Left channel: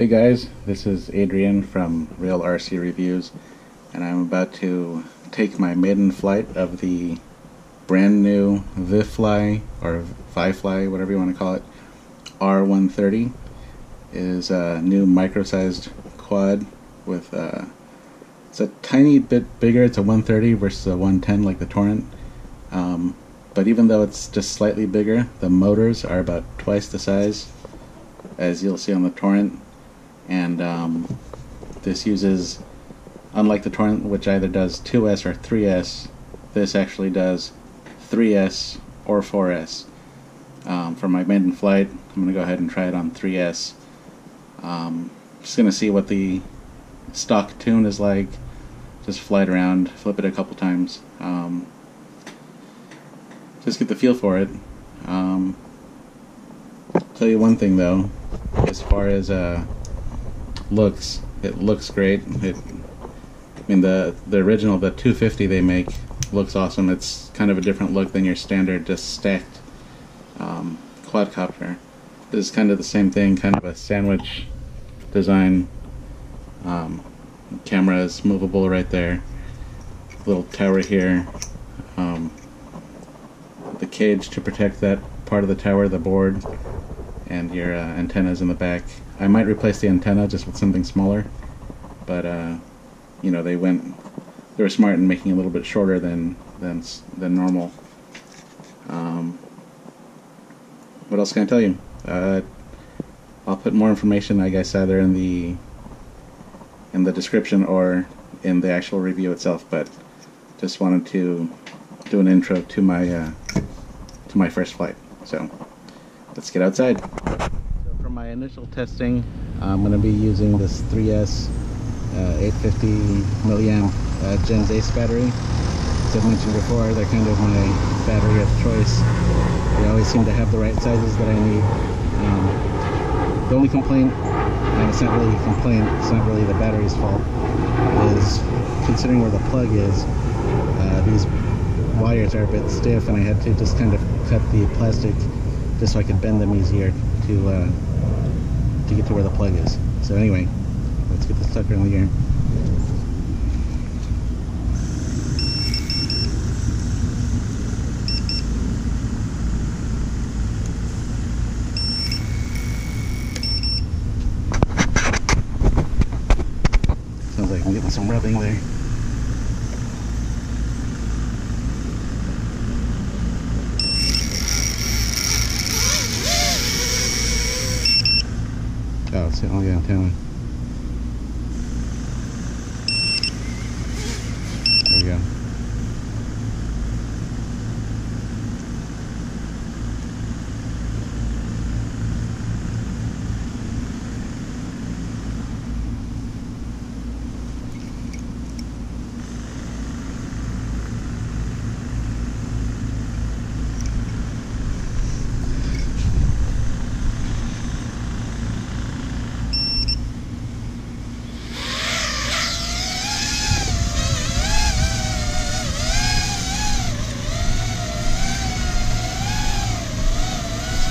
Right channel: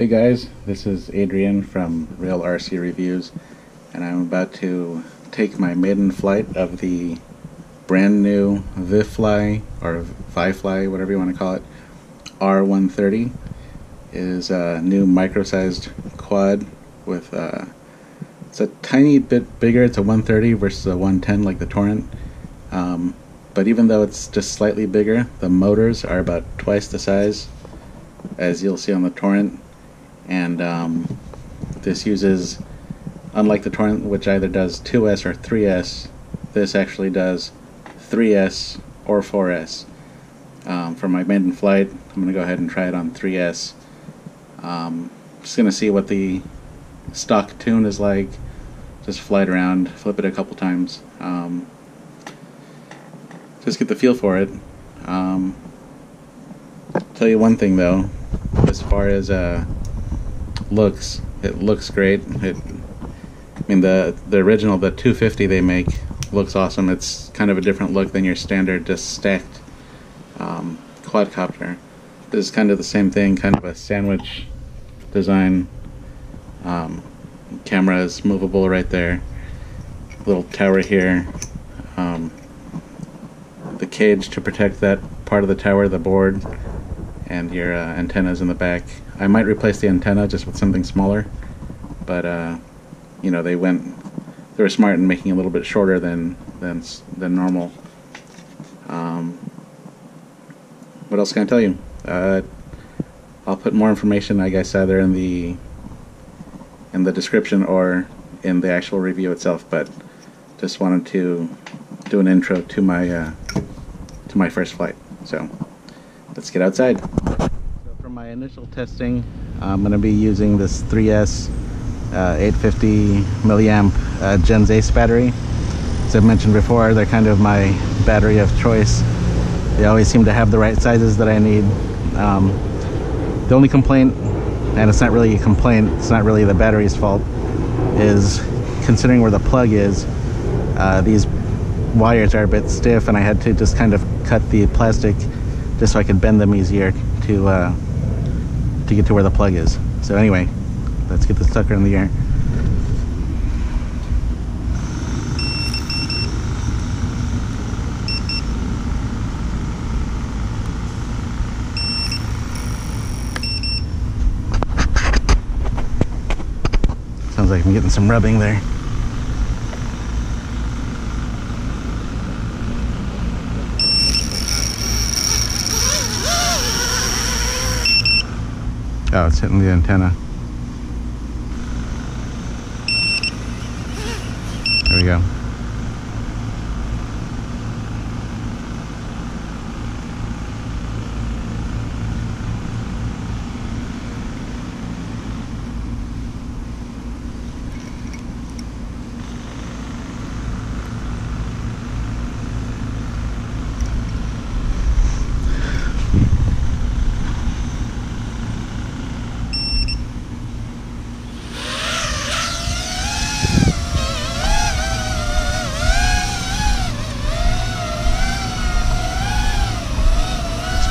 Hey guys, this is Adrian from Real RC Reviews, and I'm about to take my maiden flight of the brand new VIFLY, or VIFLY, whatever you want to call it, R130. It is a new micro-sized quad with, it's a tiny bit bigger. It's a 130 versus a 110 like the Torrent. But even though it's just slightly bigger, the motors are about twice the size, as you'll see on the Torrent. And this uses, unlike the Torrent, which either does 2S or 3S, this actually does 3S or 4S. For my maiden flight, I'm going to go ahead and try it on 3S. Just going to see what the stock tune is like. Just fly it around, flip it a couple times. Just get the feel for it. Tell you one thing though, as far as looks, it looks great. I mean the original, the 250 they make, looks awesome. It's kind of a different look than your standard just stacked quadcopter. This is kind of the same thing, kind of a sandwich design. Camera is movable right there. Little tower here. The cage to protect that part of the tower, the board, and your antennas in the back. I might replace the antenna just with something smaller, but you know, they were smart in making it a little bit shorter than normal. What else can I tell you? I'll put more information, I guess, either in the description or in the actual review itself, but just wanted to do an intro to my first flight. So let's get outside. So for my initial testing, I'm going to be using this 3S 850 milliamp Gens Ace battery. As I've mentioned before, they're kind of my battery of choice. They always seem to have the right sizes that I need. The only complaint, and it's not really a complaint, it's not really the battery's fault, is considering where the plug is, these wires are a bit stiff, and I had to just kind of cut the plastic just so I could bend them easier to get to where the plug is. So anyway, let's get this sucker in the air. Sounds like I'm getting some rubbing there. Oh, it's hitting the antenna. There we go.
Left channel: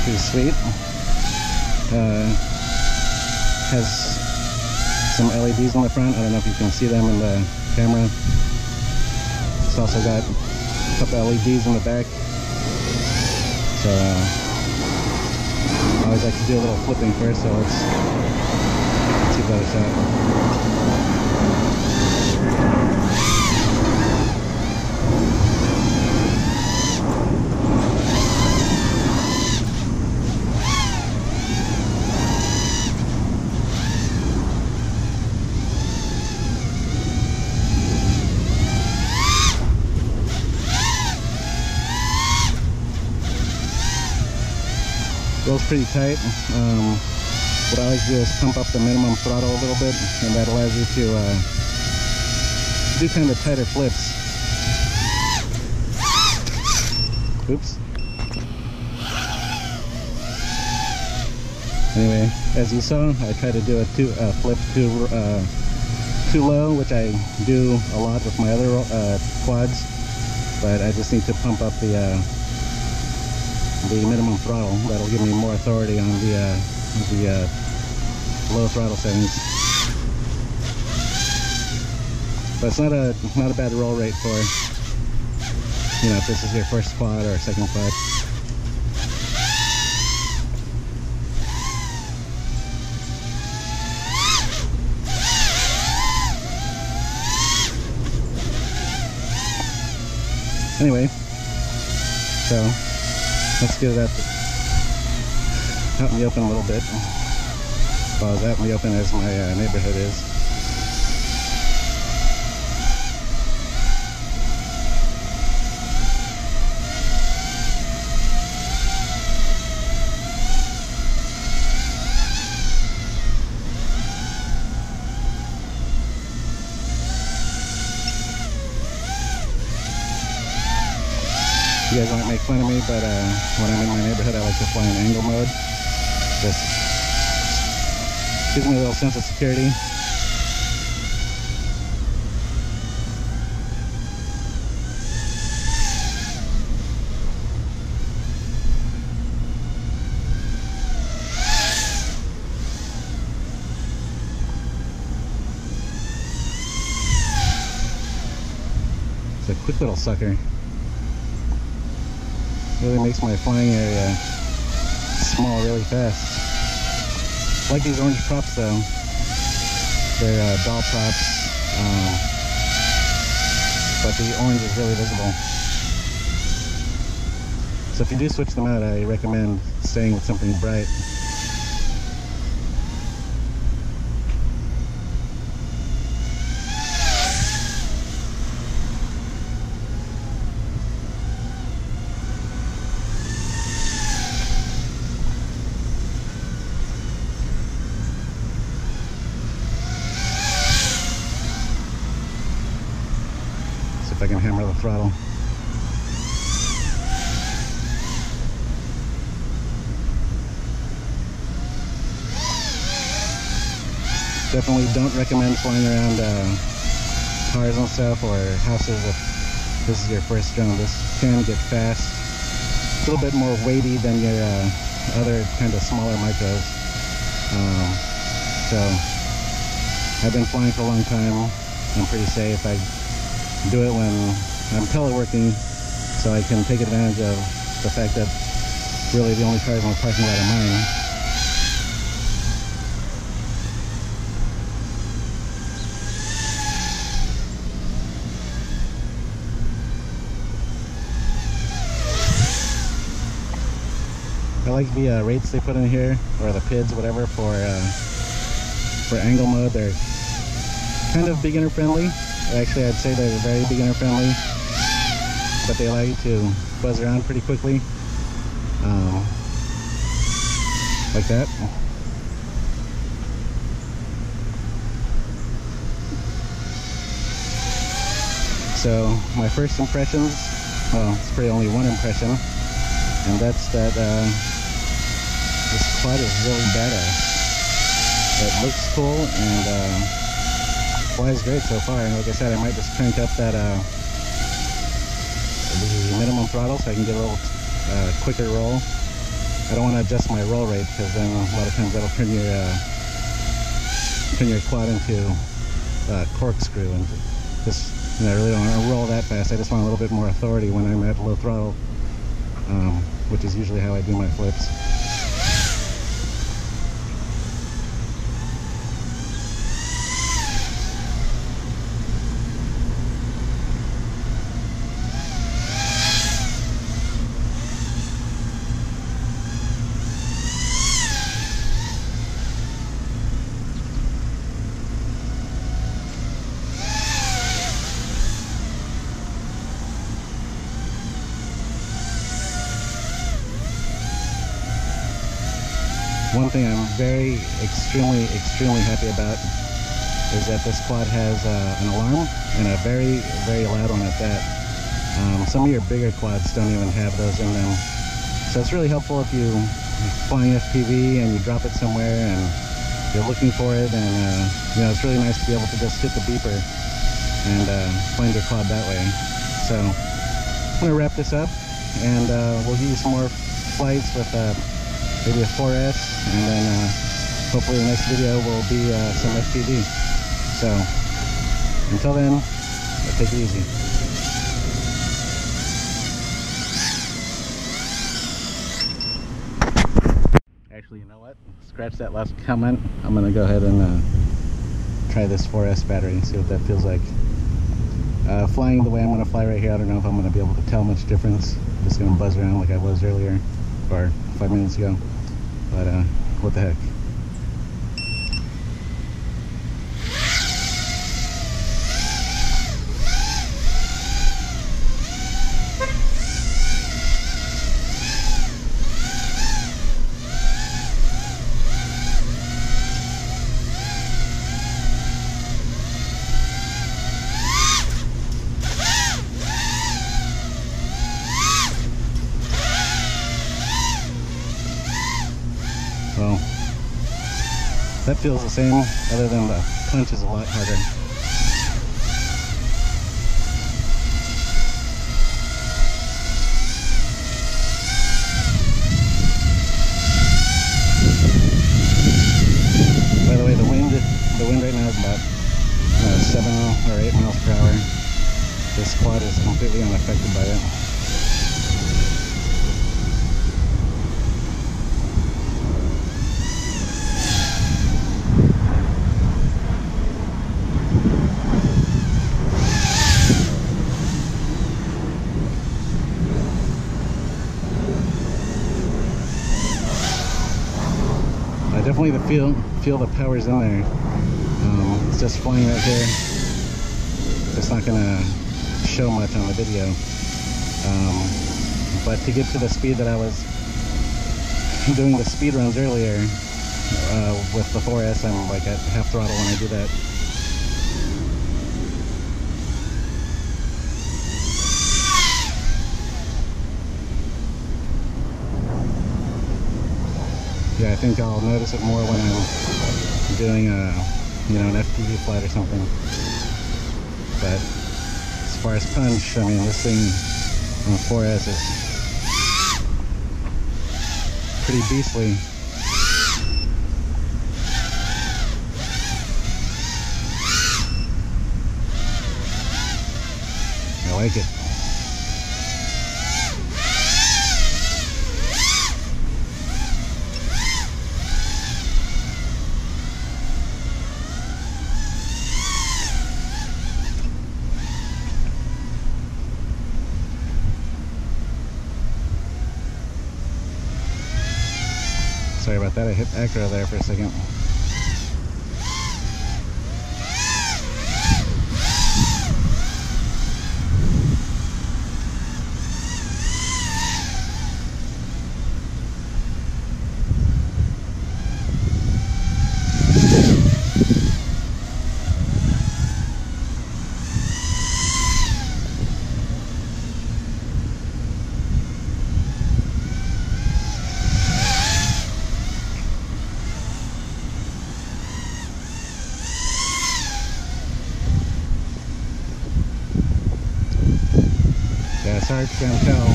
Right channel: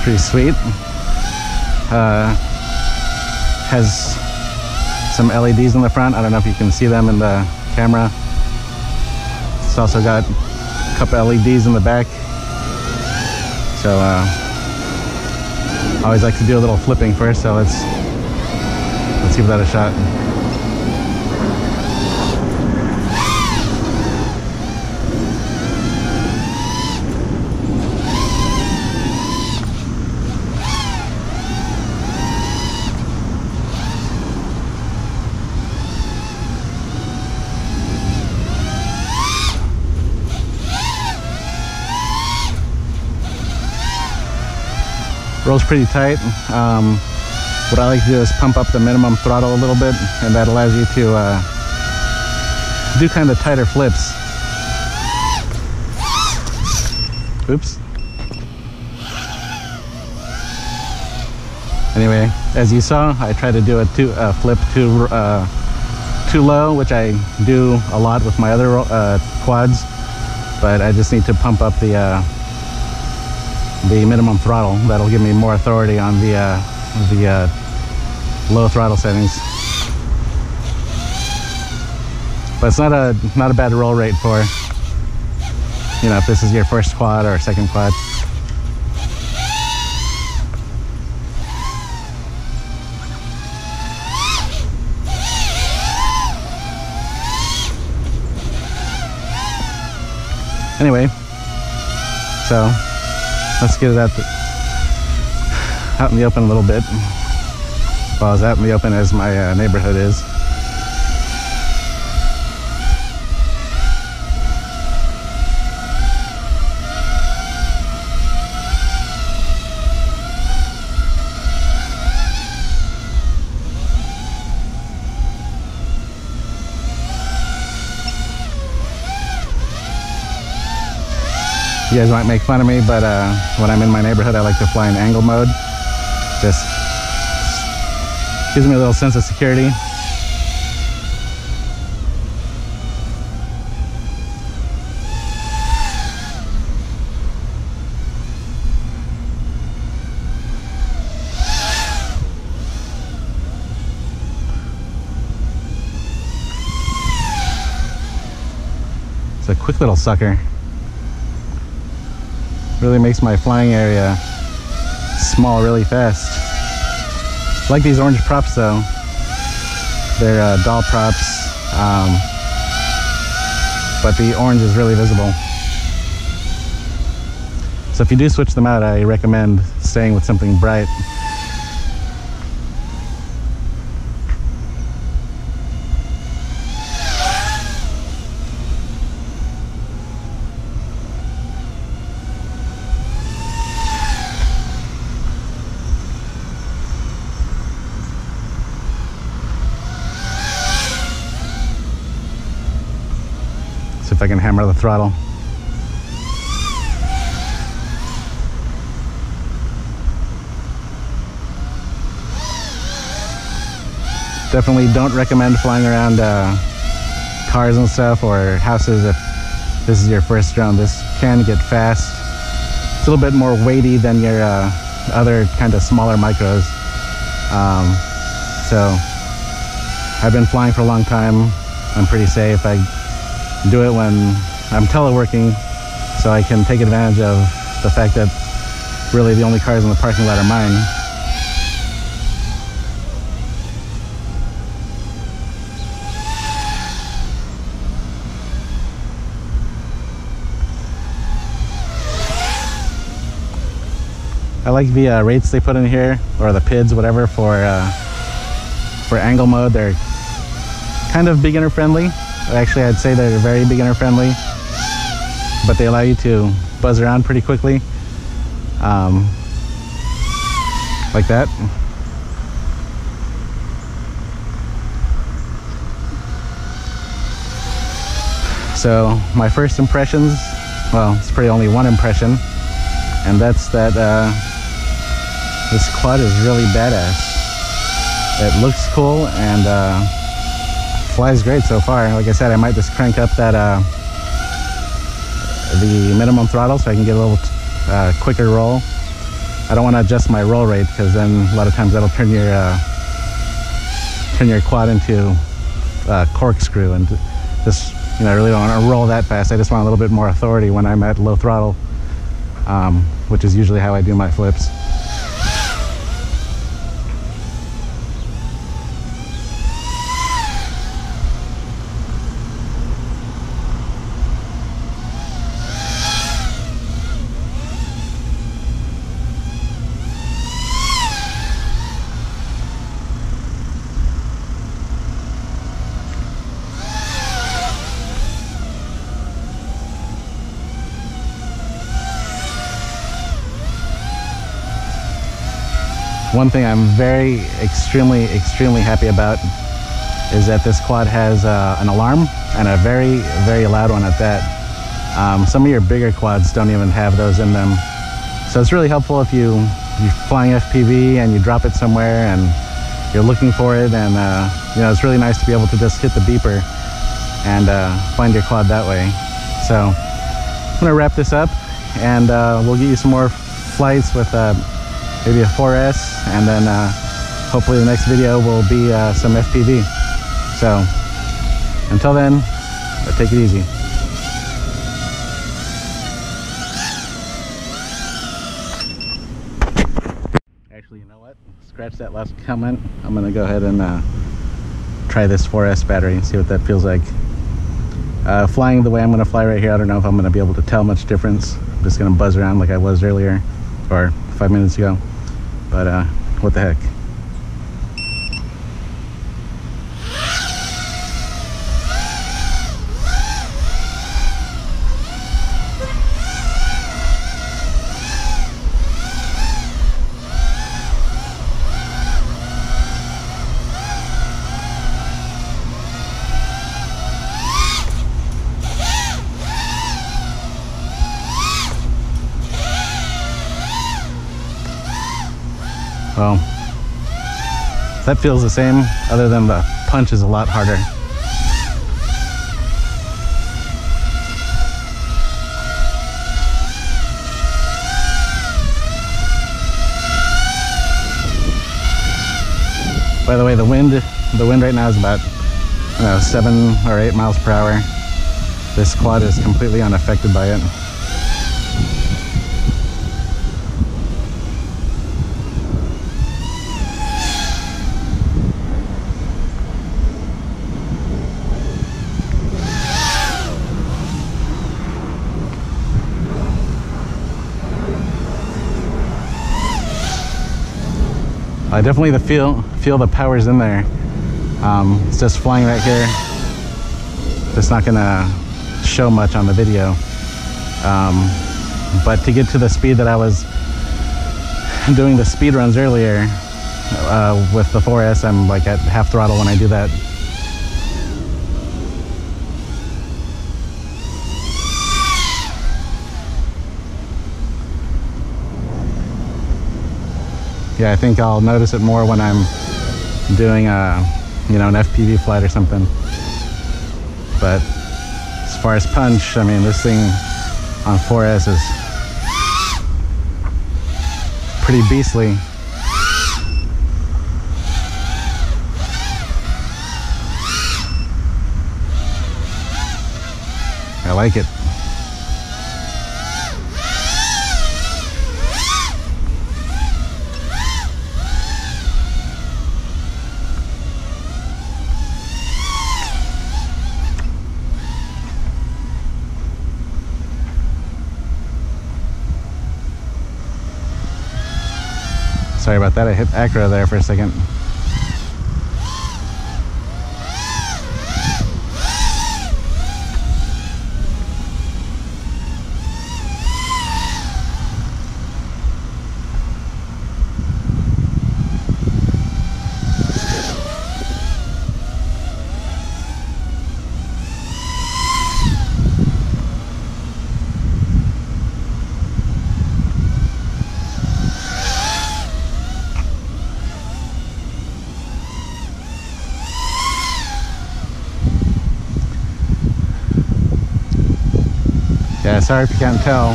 Pretty sweet. Has some LEDs in the front. I don't know if you can see them in the camera. It's also got a couple LEDs in the back. So I always like to do a little flipping first, so let's give that a shot. Rolls pretty tight. What I like to do is pump up the minimum throttle a little bit, and that allows you to do kind of tighter flips. Oops. Anyway, as you saw, I tried to do a flip too low, which I do a lot with my other quads, but I just need to pump up the minimum throttle. That'll give me more authority on the low throttle settings. But it's not a bad roll rate for, you know, if this is your first quad or second quad. Anyway, so let's get it out in the open a little bit. Well, as out in the open as my neighborhood is. You guys might make fun of me, but when I'm in my neighborhood, I like to fly in angle mode. Just gives me a little sense of security. It's a quick little sucker. Really makes my flying area small really fast. I like these orange props though. They're doll props, but the orange is really visible. So if you do switch them out, I recommend staying with something bright. If I can hammer the throttle. Definitely don't recommend flying around cars and stuff or houses if this is your first drone. This can get fast. It's a little bit more weighty than your other kind of smaller micros. So I've been flying for a long time. I'm pretty safe. I do it when I'm teleworking, so I can take advantage of the fact that really the only cars in the parking lot are mine. I like the rates they put in here, or the PIDs, whatever, for angle mode. They're kind of beginner friendly. Actually, I'd say they're very beginner friendly, but they allow you to buzz around pretty quickly, like that. So my first impressions, well, it's pretty only one impression, and that's that this quad is really badass. It looks cool and flies great so far. Like I said, I might just crank up that the minimum throttle so I can get a little quicker roll. I don't want to adjust my roll rate because then a lot of times that'll turn your quad into corkscrew, and just, you know, I really don't want to roll that fast. I just want a little bit more authority when I'm at low throttle, which is usually how I do my flips. One thing I'm extremely happy about is that this quad has an alarm, and a very loud one at that. Some of your bigger quads don't even have those in them, so it's really helpful if you're flying FPV and you drop it somewhere and you're looking for it, and you know, it's really nice to be able to just hit the beeper and find your quad that way. So I'm gonna wrap this up, and we'll get you some more flights with maybe a 4S, and then hopefully the next video will be some FPV. So until then, take it easy. Actually, you know what? Scratch that last comment. I'm gonna go ahead and try this 4S battery and see what that feels like. Flying the way I'm gonna fly right here, I don't know if I'm gonna be able to tell much difference. I'm just gonna buzz around like I was earlier, or 5 minutes ago. But what the heck? Well, that feels the same, other than the punch is a lot harder. By the way, the wind right now is about, I don't know, 7 or 8 miles per hour. This quad is completely unaffected by it. I definitely feel the power's in there. It's just flying right here. It's not gonna show much on the video. But to get to the speed that I was doing the speed runs earlier with the 4S, I'm like at half throttle when I do that. Yeah, I think I'll notice it more when I'm doing you know, an FPV flight or something. But as far as punch, I mean, this thing on 4S is pretty beastly. I like it. Sorry about that, I hit acro there for a second. Yeah, sorry if you can't tell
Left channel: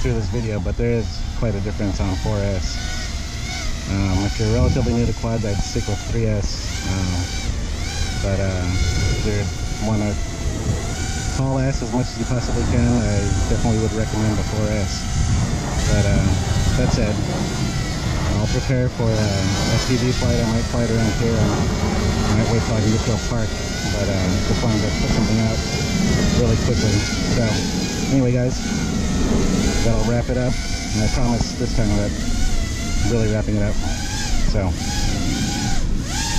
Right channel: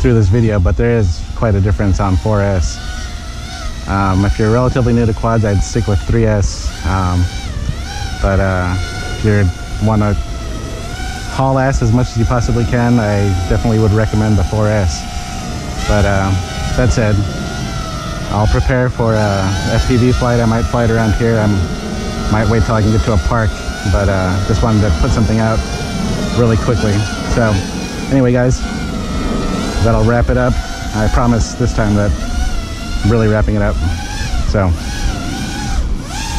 through this video, but there is quite a difference on 4S. If you're relatively new to quads, I'd stick with 3S. But if you want to haul ass as much as you possibly can, I definitely would recommend the 4S. But that said, I'll prepare for a FPV flight. I might fly it around here. I might wait till I can get to a park, but just wanted to put something out really quickly. So anyway, guys, that'll wrap it up. I promise this time that I'm really wrapping it up. So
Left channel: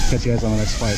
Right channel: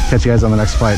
catch you guys on the next flight.